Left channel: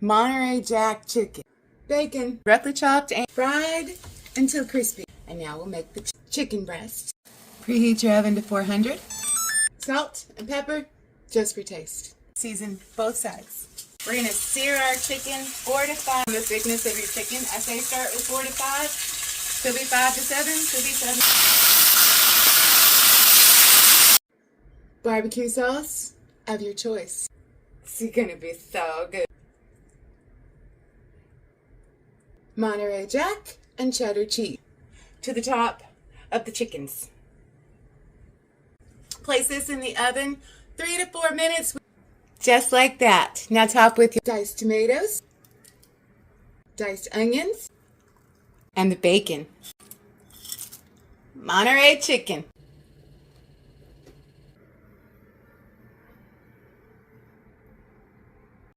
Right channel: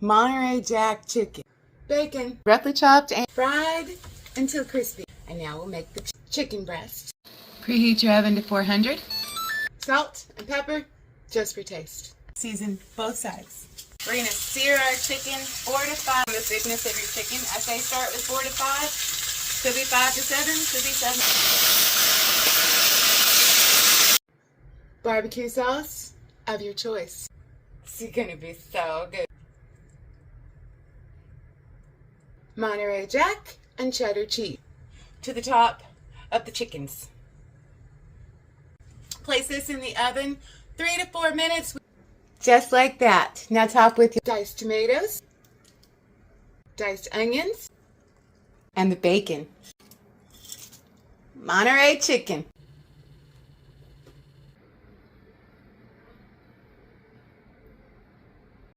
Monterey Jack chicken. Bacon, roughly chopped and fried until crispy. And now we'll make the chicken breast. Preheat your oven to 400. Salt and pepper, just for taste. Season both sides. We're going to sear our chicken 4 to 5. The thickness of your chicken. I say start with 4 to 5. Could be 5 to 7. Could be 7. Barbecue sauce of your choice. It's going to be so good. Monterey Jack and cheddar cheese to the top of the chickens. Place this in the oven 3 to 4 minutes. Just like that. Now top with your diced tomatoes, diced onions, and the bacon. Monterey chicken.